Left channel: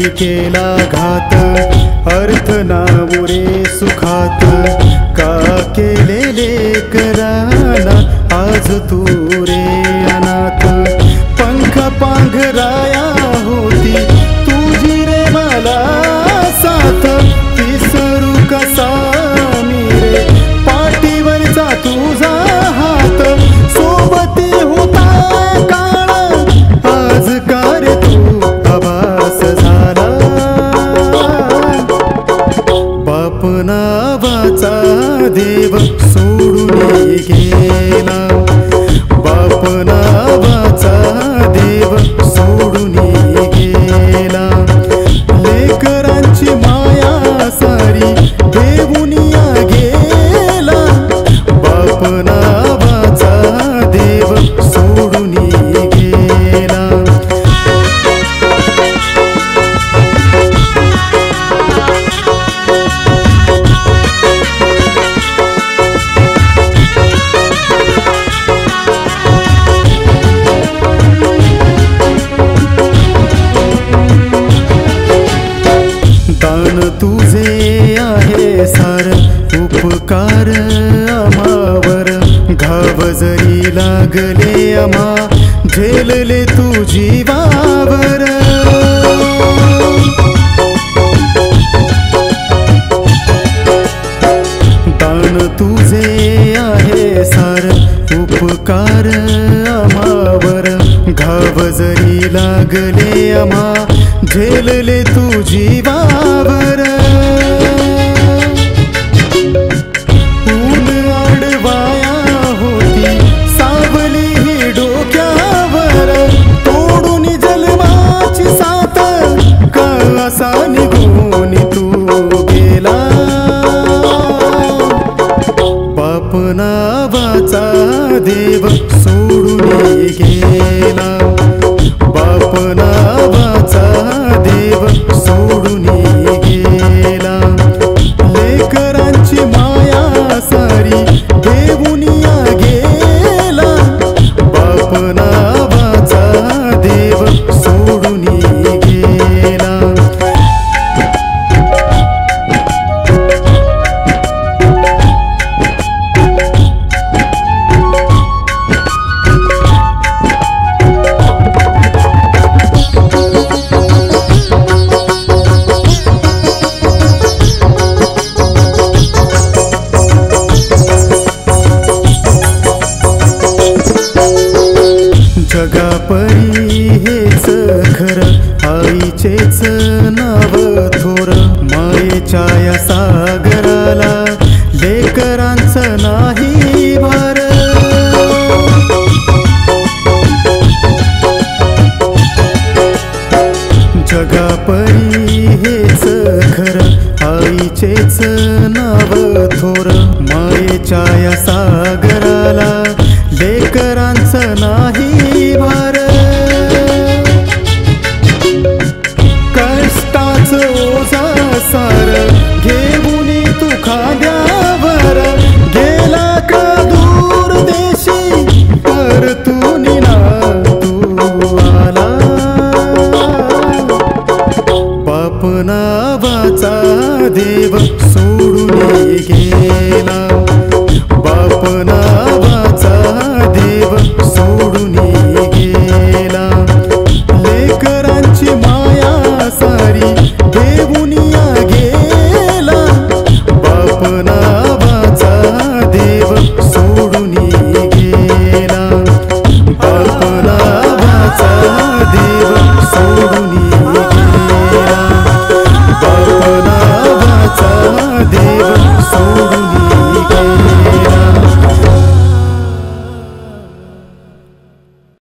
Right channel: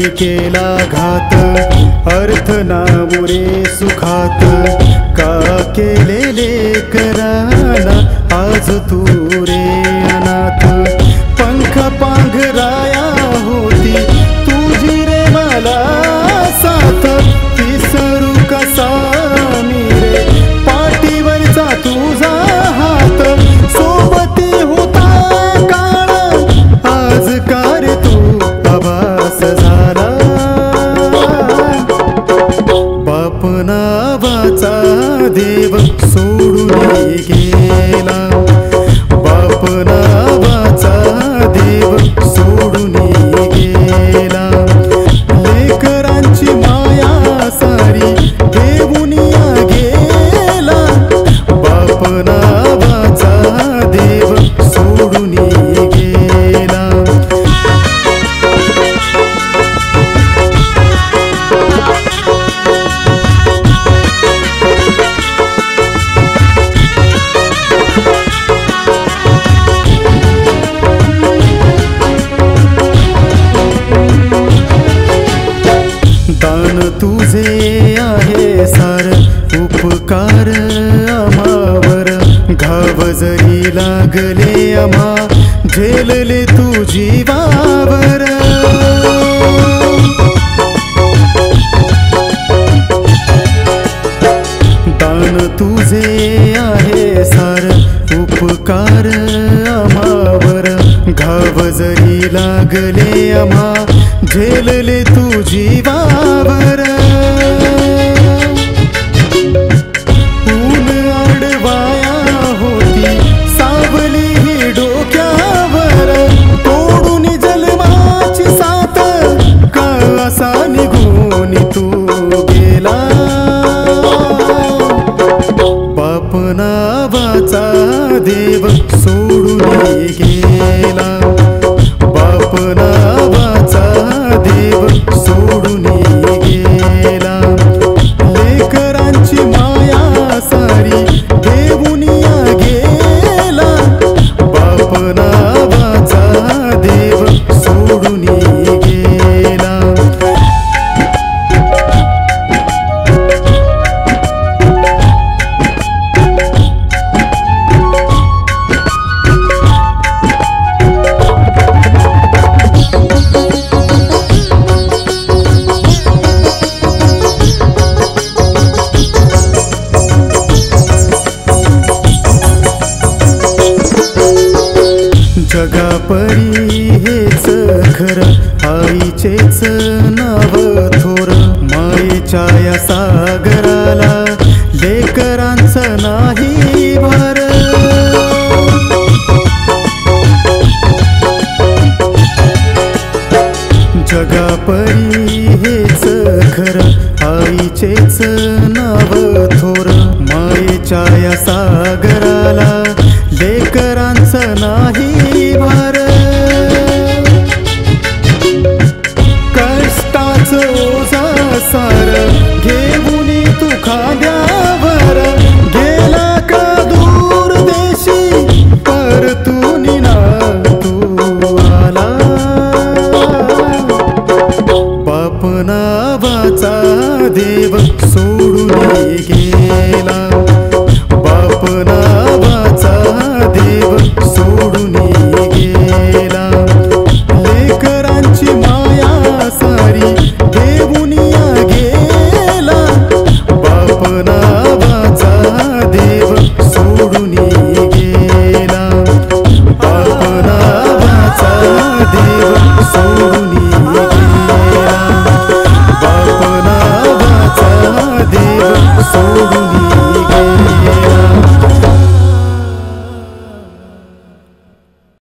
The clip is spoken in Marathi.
नाही केला घात, अर्थ ना उरे सुखात, का केलेले कराना आज तू रे अनाथ। पंख पांघराया होती तुझी रे मला साथ, विसरू कसा मी रे पाठीवरचा तुझा हात। सोबती होता काळ आज का रे तू आभास झाला, बाप नावाचा देव सोडून गेला, बाप नावाचा देव सोडून गेला। लेकरांची माया सारी देऊनिया गेला, बाप नावाचा देव सोडून गेला। दान तुझे आहे सार उपकार आम्हावर, घाव जरी लागले आम्हा झेलले तू जीवावर। दान तुझे आहे सार उपकार आम्हावर, घाव जरी लागले आम्हा झेलले तू जीवावर। ऊन आडवाया होती सावली ही डोक्यावर, तोडून जन्माची साथ का असा निघून तू गेला, बाप नावाचा देव सोडून गेला, बाप नावाचा देव सोडून गेला। लेकरांची माया सारी देऊनिया गेला, बाप नावाचा देव सोडून गेला। जगापरी हेच खरं आईचेच नाव थोर, मायेच्या या सागराला लेकरांचं नाही भार। जगापरी हेच खरं आईचेच नाव थोर, मायेच्या या सागराला लेकरांचं नाही भार। कष्टाचं ओझं सार घेऊन तू खांद्यावर गेला का दूर देशी, परतून ना तू आला, बाप नावाचा देव सोडून गेला, बाप नावाचा देव सोडून गेला। लेकरांची माया सारी देऊनिया गेला, बाप नावाचा देव सोडून गेला, बाप नावाचा देव सोडून गेला, बाप नावाचा देव सोडून